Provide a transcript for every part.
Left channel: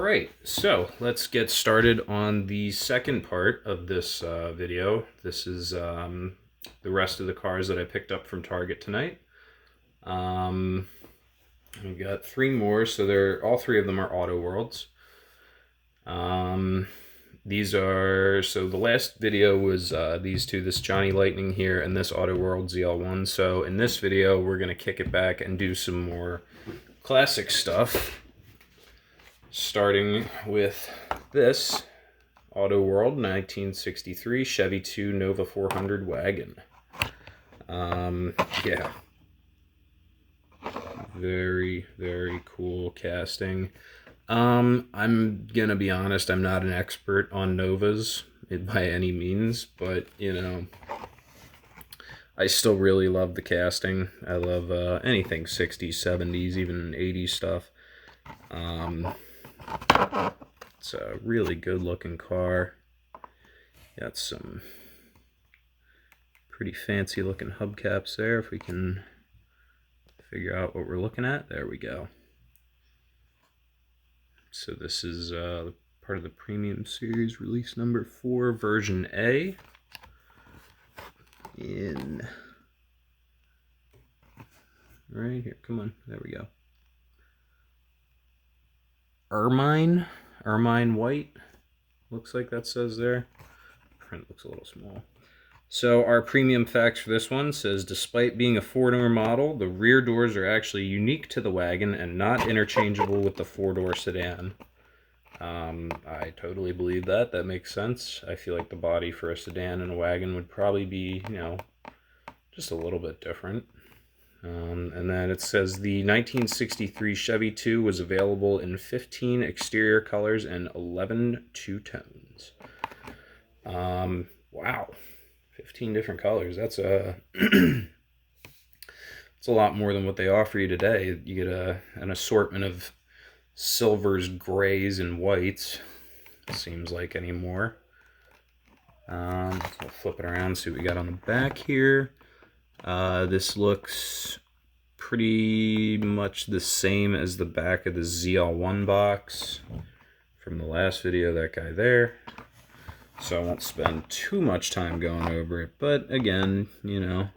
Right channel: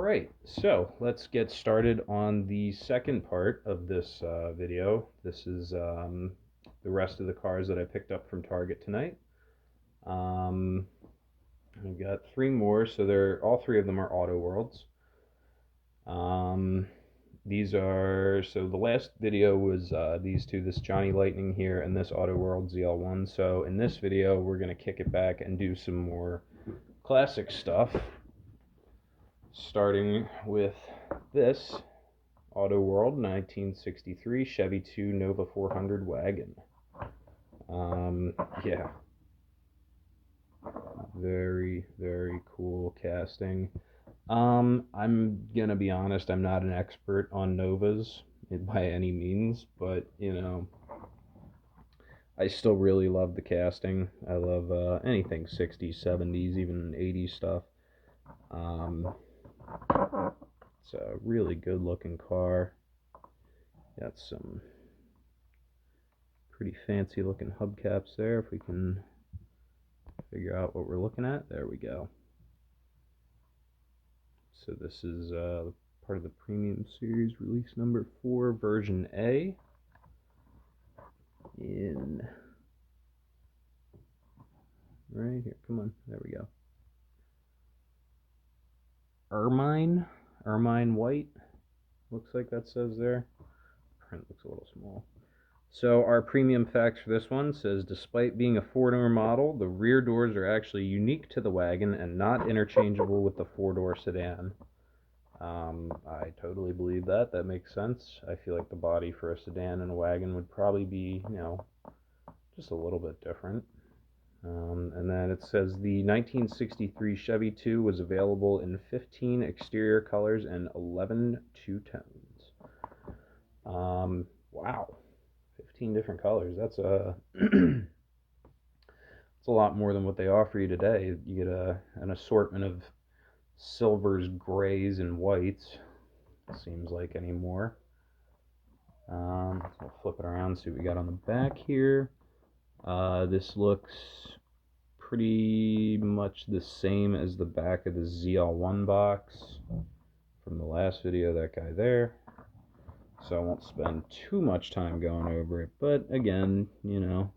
Alright, so let's get started on the second part of this video. This is the rest of the cars that I picked up from Target tonight. We've got three more, so all three of them are Autoworlds. These are, so the last video was these two, this Johnny Lightning here and this Autoworld ZL1. So in this video, we're going to kick it back and do some more classic stuff. Starting with this Autoworld 1963 Chevy 2 Nova 400 Wagon. Yeah. Very, very cool casting. I'm gonna be honest, I'm not an expert on Novas by any means, but, you know, I still really love the casting. I love anything 60s, 70s, even 80s stuff. It's a really good looking car. Got some pretty fancy looking hubcaps there, if we can figure out what we're looking at. There we go. So this is part of the Premium Series, release number 4, version A. In right here, come on, there we go. Ermine white, looks like that says there. Print looks a little small. So our premium facts for this one says, despite being a four-door model, the rear doors are actually unique to the wagon and not interchangeable with the four-door sedan. I totally believe that. That makes sense. I feel like the body for a sedan and a wagon would probably be, you know, just a little bit different. And then it says the 1963 Chevy 2 was available in 15 exterior colors and 11 two-tones. Wow, 15 different colors. That's a it's a lot more than what they offer you today. You get an assortment of silvers, grays, and whites. It seems like anymore. So we'll flip it around, see what we got on the back here. This looks pretty much the same as the back of the ZL1 box from the last video, that guy there. So I won't spend too much time going over it, but again, you know,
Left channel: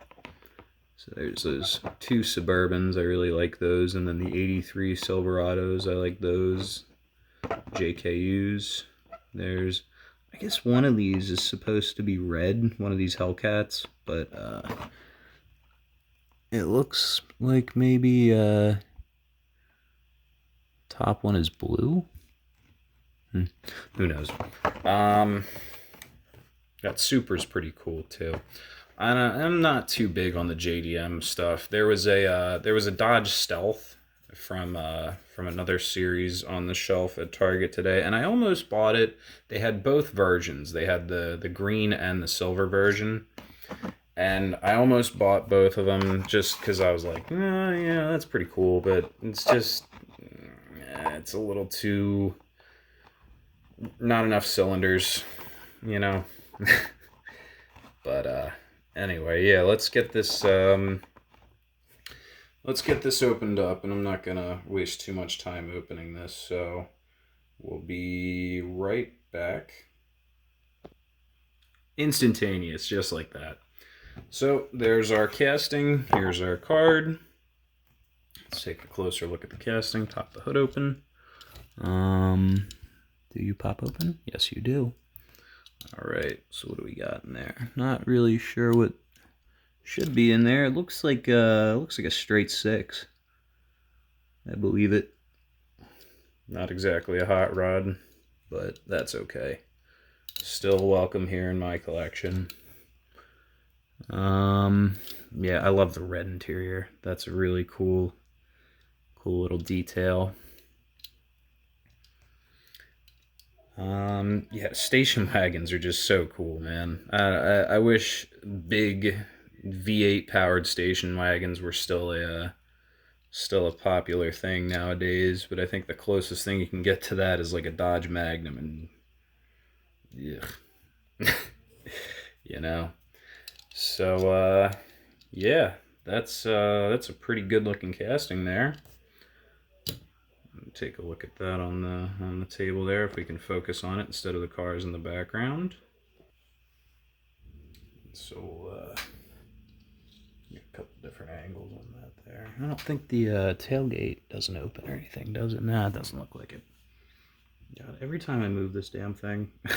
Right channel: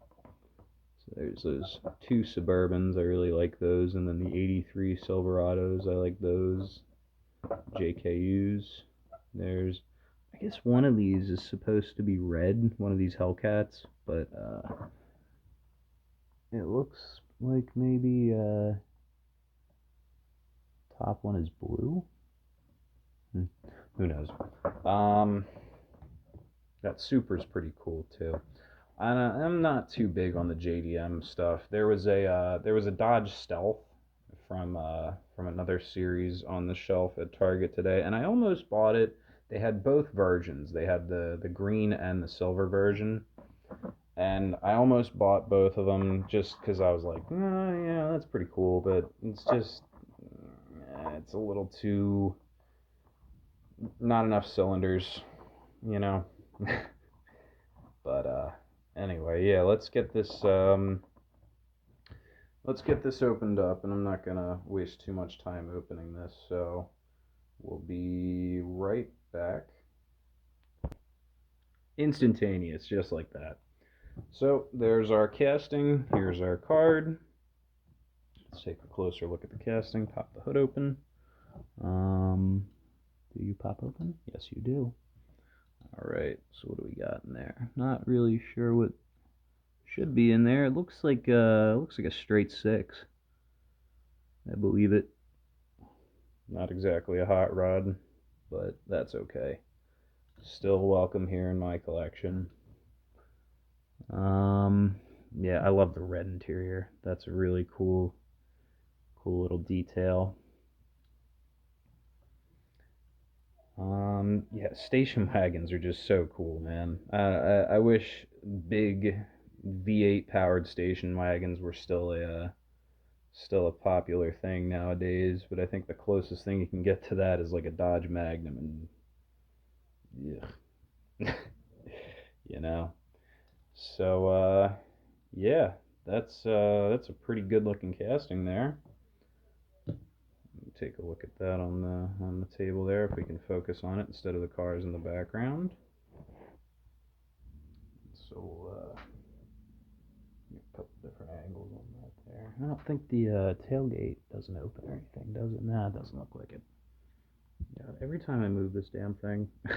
so there's those two Suburbans, I really like those, and then the 83 Silverados, I like those, JKUs. There's, I guess one of these is supposed to be red, one of these Hellcats, but it looks like maybe top one is blue. Who knows? That Supra's pretty cool too. I'm not too big on the JDM stuff. There was a Dodge Stealth from another series on the shelf at Target today, and I almost bought it. They had both versions. They had the green and the silver version. And I almost bought both of them just because I was like, oh, yeah, that's pretty cool, but it's just, it's a little too, not enough cylinders, you know. But anyway, yeah, let's get this opened up, and I'm not gonna waste too much time opening this, so we'll be right back. Instantaneous, just like that. So there's our casting, here's our card. Let's take a closer look at the casting. Pop the hood open. Do you pop open? Yes, you do. Alright, so what do we got in there? Not really sure what should be in there. It looks like a straight 6. I believe it. Not exactly a hot rod, but that's okay. Still welcome here in my collection. Yeah, I love the red interior. That's a really cool little detail. Yeah, station wagons are just so cool, man. I wish big V8 powered station wagons were still a popular thing nowadays, but I think the closest thing you can get to that is like a Dodge Magnum, and yeah. You know. So yeah, that's a pretty good looking casting there. take a look at that on the table there, if we can focus on it instead of the cars in the background. So get a couple different angles on that there. I don't think the tailgate doesn't open or anything, does it? Nah, it doesn't look like it. God, every time I move this damn thing, we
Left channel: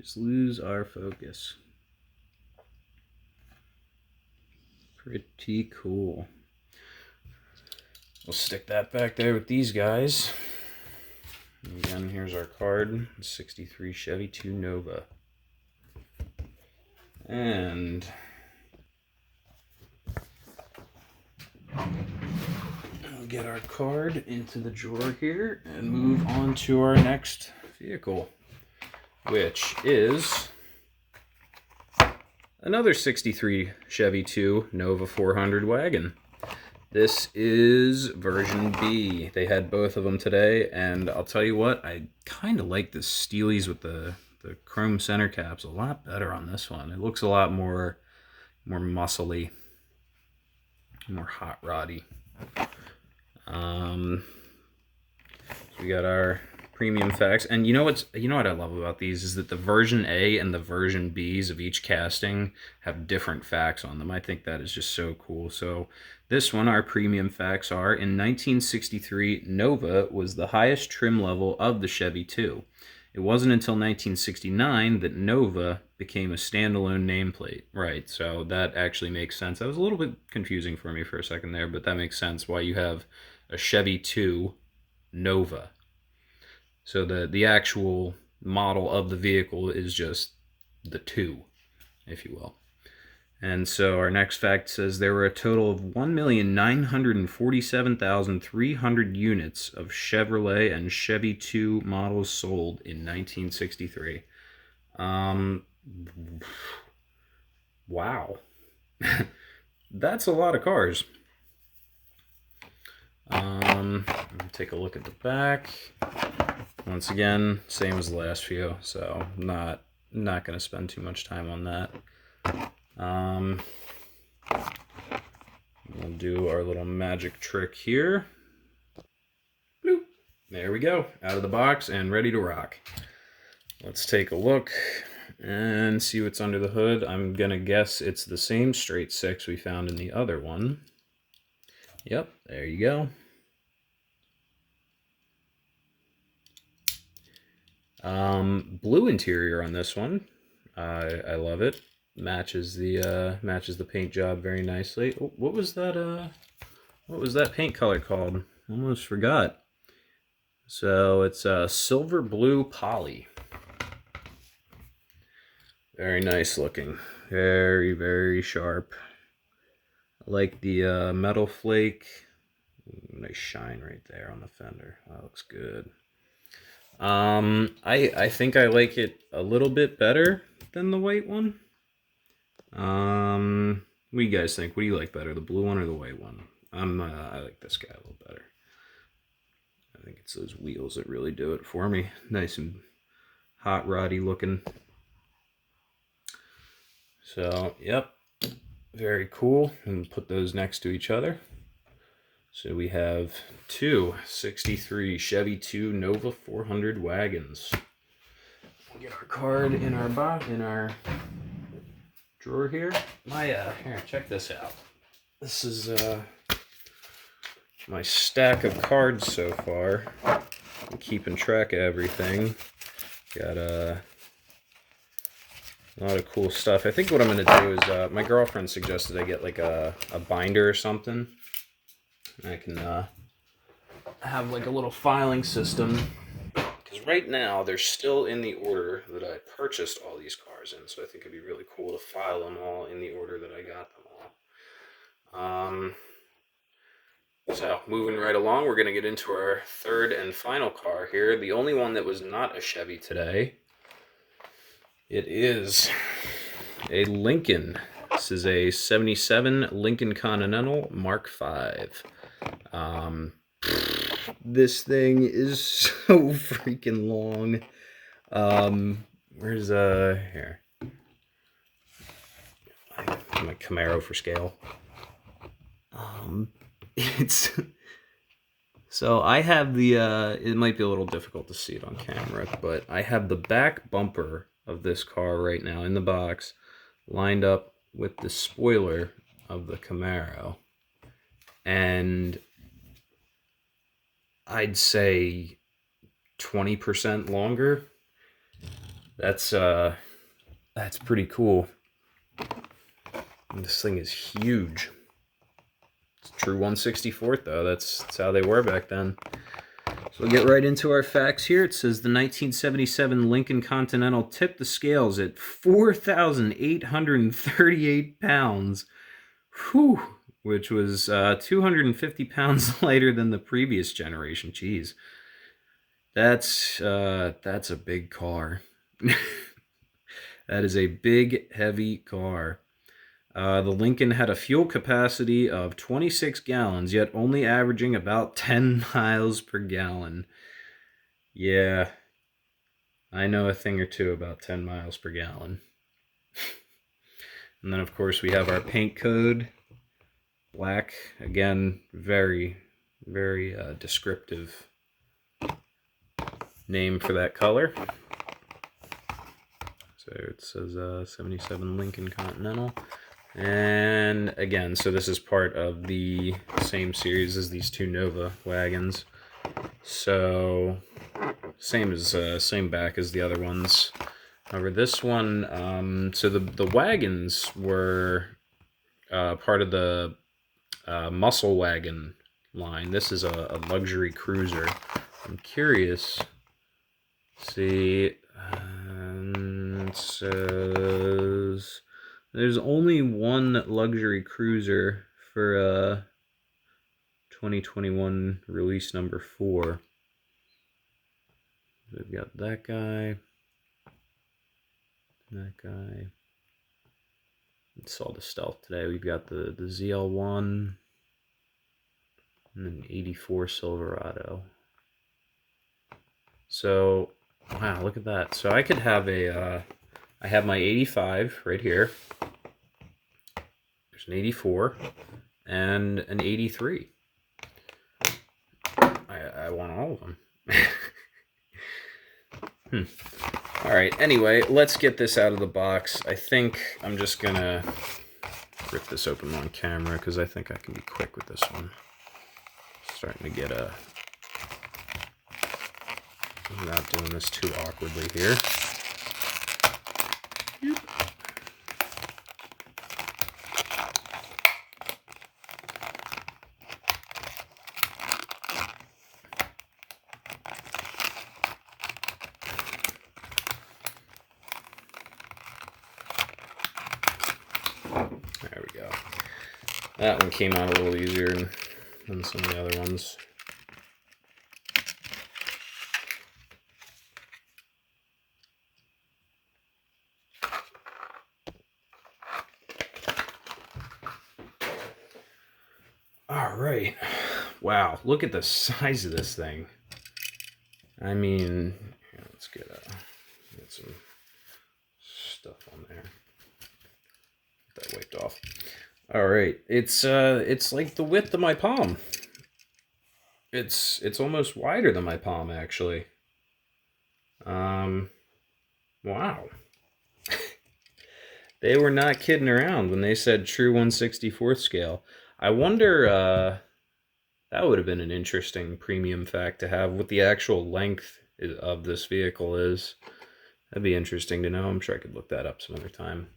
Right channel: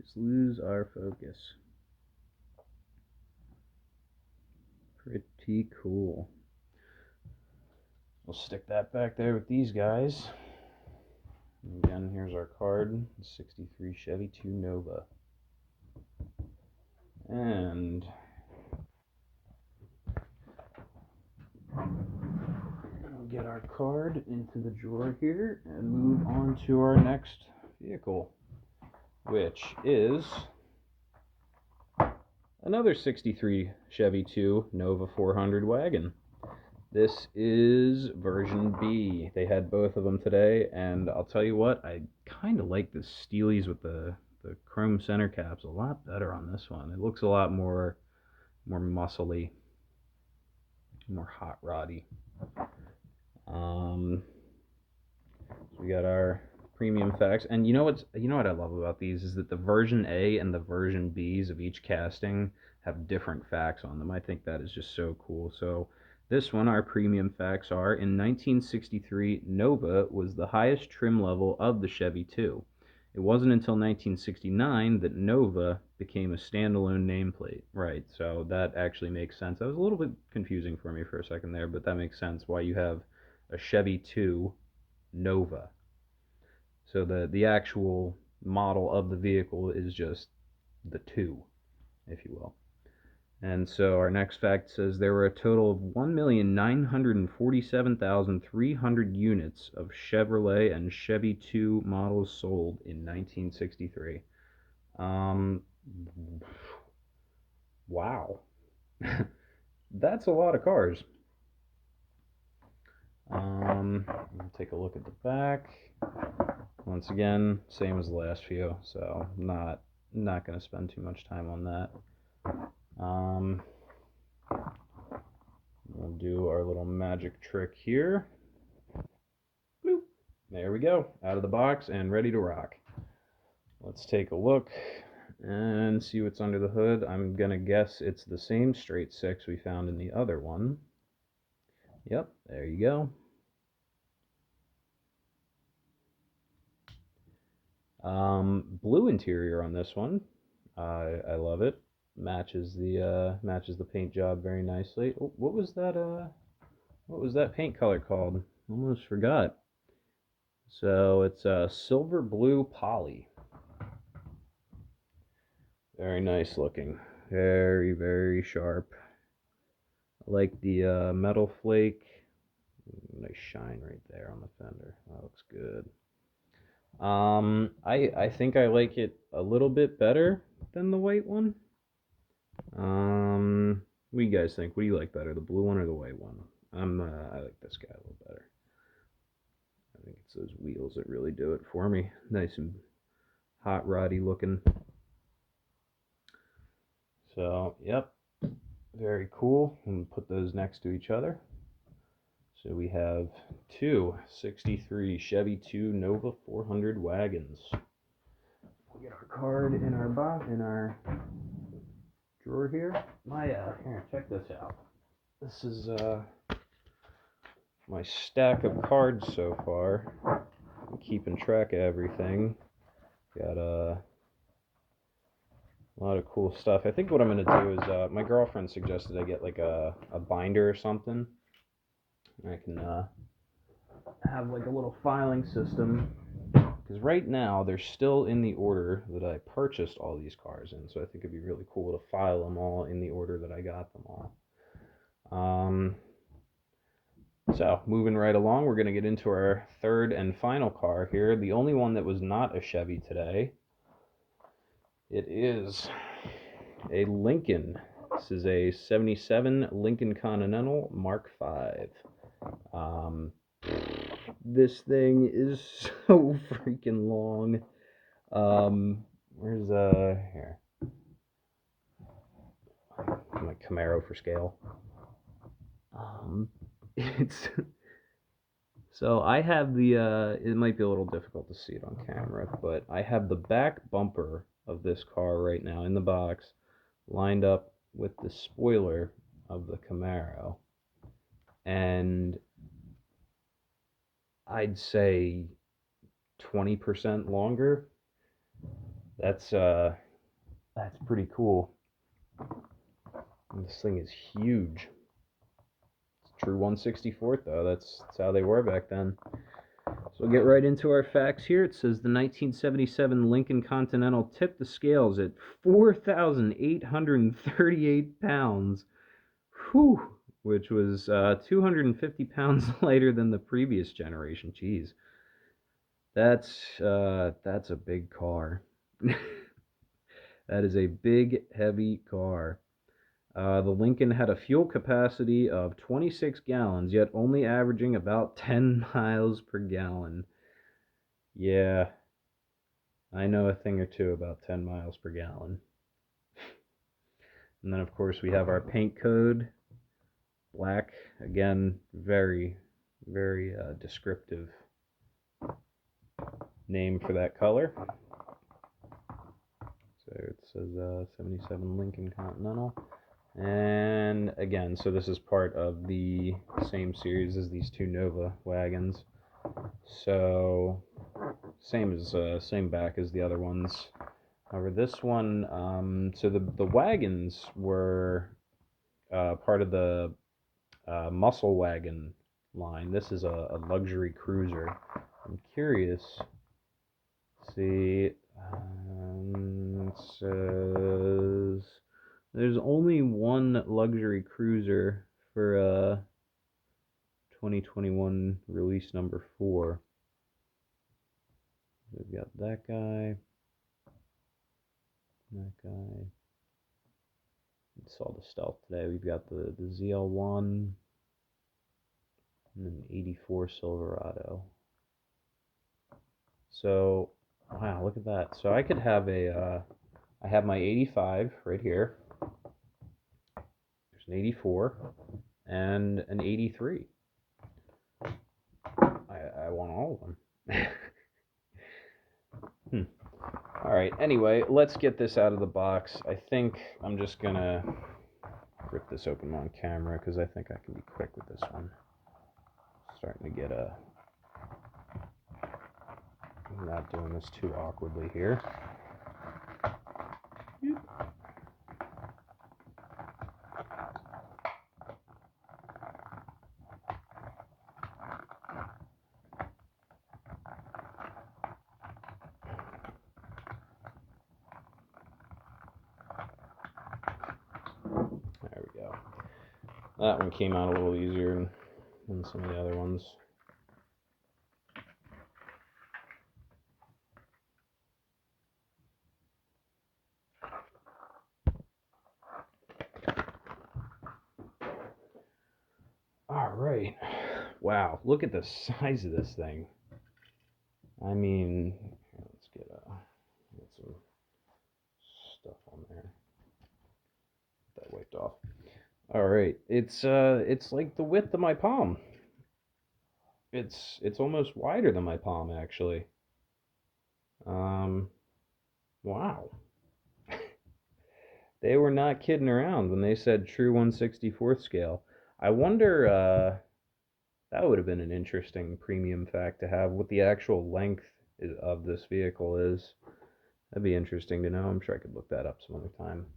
just lose our focus. Pretty cool. We'll stick that back there with these guys. And again, here's our card, 63 Chevy 2 Nova. And we'll get our card into the drawer here and move on to our next vehicle, which is another 63 Chevy 2 Nova 400 wagon. This is version B. They had both of them today, and I'll tell you what, I kind of like the Steelies with the chrome center caps a lot better on this one. It looks a lot more muscly, more hot roddy. So we got our premium facts, and you know what I love about these is that the version A and the version Bs of each casting have different facts on them. I think that is just so cool. So this one, our premium facts are: in 1963, Nova was the highest trim level of the Chevy 2. It wasn't until 1969 that Nova became a standalone nameplate. Right, so that actually makes sense. That was a little bit confusing for me for a second there, but that makes sense why you have a Chevy 2 Nova. So the actual model of the vehicle is just the 2, if you will. And so our next fact says there were a total of 1,947,300 units of Chevrolet and Chevy 2 models sold in 1963. Wow. That's a lot of cars. Take a look at the back. Once again, same as the last few, so not going to spend too much time on that. We'll do our little magic trick here. Bloop. There we go, out of the box and ready to rock. Let's take a look and see what's under the hood. I'm gonna guess it's the same straight six we found in the other one. Yep, there you go. Blue interior on this one. I love it. Matches the paint job very nicely. Oh, what was that paint color called? Almost forgot. So it's silver blue poly. Very nice looking. Very, very sharp. I like the metal flake. Nice shine right there on the fender. That looks good. I think I like it a little bit better than the white one. What do you guys think? What do you like better, the blue one or the white one? I like this guy a little better. I think it's those wheels that really do it for me. Nice and hot roddy looking. So, yep, very cool. And put those next to each other. So we have two 63 Chevy 2 Nova 400 wagons. We'll get our card in our drawer here. Here, check this out. This is my stack of cards so far. I'm keeping track of everything. Got a lot of cool stuff. I think what I'm going to do is, my girlfriend suggested I get like a binder or something. I can have like a little filing system, because right now they're still in the order that I purchased all these cars in, so I think it'd be really cool to file them all in the order that I got them all. So moving right along, we're going to get into our third and final car here, the only one that was not a Chevy today. It is a Lincoln. This is a 77 Lincoln Continental Mark V. This thing is so freaking long. Where's here? My Camaro for scale. It's So I have the, it might be a little difficult to see it on camera, but I have the back bumper of this car right now in the box lined up with the spoiler of the Camaro. And I'd say 20% longer. That's pretty cool. And this thing is huge. It's true 1/64th though. That's how they were back then. So we'll get right into our facts here. It says the 1977 Lincoln Continental tipped the scales at 4,838 pounds. Whew, which was 250 pounds lighter than the previous generation. Jeez. That's a big car. That is a big, heavy car. The Lincoln had a fuel capacity of 26 gallons, yet only averaging about 10 miles per gallon. Yeah, I know a thing or two about 10 miles per gallon. And then, of course, we have our paint code. Black, again, very, very descriptive name for that color. So it says 77 Lincoln Continental. And again, so this is part of the same series as these two Nova wagons. So same back as the other ones. However, this one, so the wagons were part of the muscle wagon line. This is a luxury cruiser. I'm curious. See, it says there's only one luxury cruiser for 2021 release number 4. We've got that guy, that guy. We saw the Stealth today. We've got the ZL1 and an 84 Silverado. So, wow, look at that. So I could have I have my 85 right here. There's an 84 and an 83. I want all of them. All right, anyway, let's get this out of the box. I think I'm just gonna rip this open on camera because I think I can be quick with this one. Starting to get I'm not doing this too awkwardly here. Yep. There we go. That one came out a little easier than some of the other ones. All right. Wow, look at the size of this thing. I mean, let's get some stuff on there. Get that wiped off. All right, it's like the width of my palm. It's almost wider than my palm, actually. Wow. They were not kidding around when they said true 1/64th scale. I wonder, that would have been an interesting premium fact to have, what the actual length of this vehicle is. That'd be interesting to know. I'm sure I could look that up some other time.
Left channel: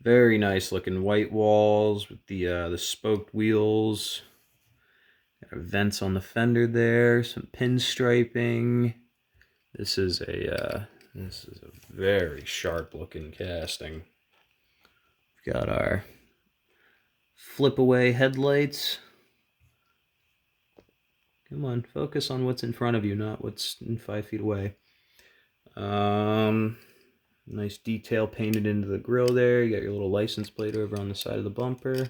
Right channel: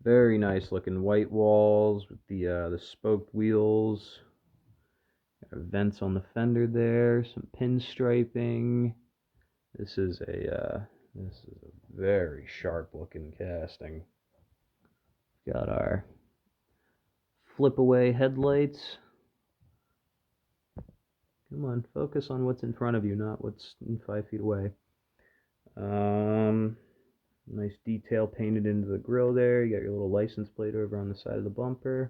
Very nice looking white walls with the spoked wheels. Vents on the fender there, some pinstriping. This is a very sharp looking casting. We've got our flip away headlights. Come on, focus on what's in front of you, not what's 5 feet away. Nice detail painted into the grille there. You got your little license plate over on the side of the bumper.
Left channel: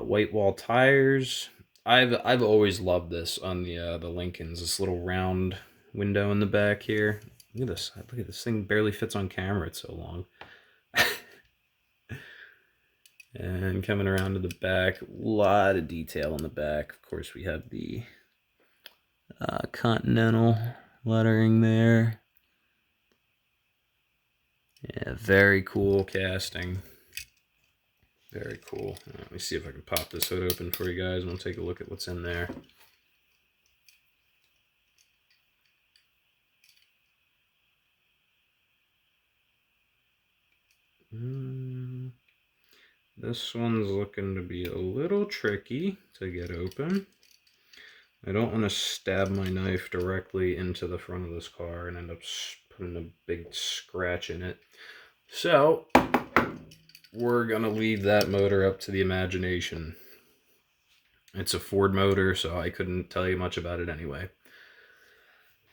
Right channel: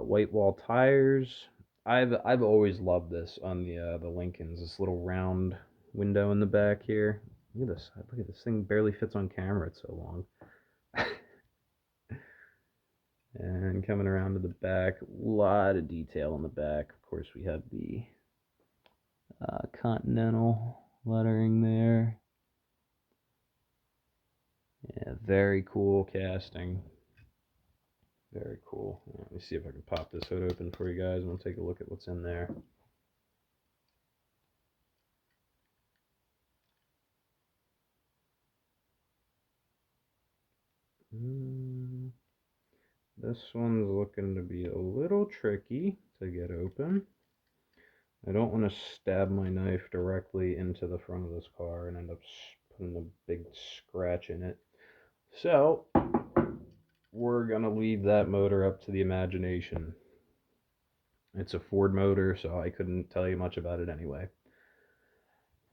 White wall tires. I've always loved this on the Lincolns. This little round window in the back here. Look at this. Look at this thing. Barely fits on camera. It's so long. And coming around to the back, a lot of detail in the back. Of course, we have the Continental lettering there. Yeah, very cool casting. Very cool. Let me see if I can pop this hood open for you guys and we'll take a look at what's in there. This one's looking to be a little tricky to get open. I don't want to stab my knife directly into the front of this car and end up putting a big scratch in it. So, we're going to leave that motor up to the imagination. It's a Ford motor, so I couldn't tell you much about it anyway.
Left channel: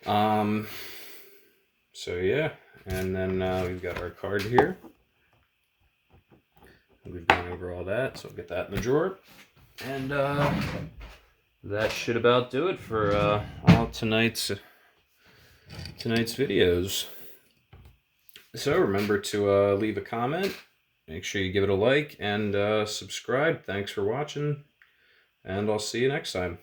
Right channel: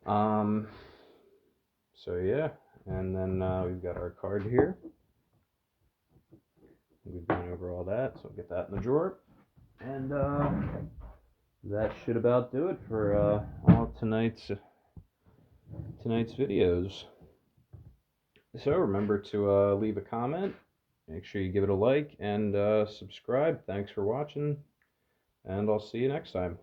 So yeah, and then we've got our card here. We've gone over all that, so I'll get that in the drawer. And that should about do it for all tonight's videos. So remember to leave a comment, make sure you give it a like, and subscribe. Thanks for watching, and I'll see you next time.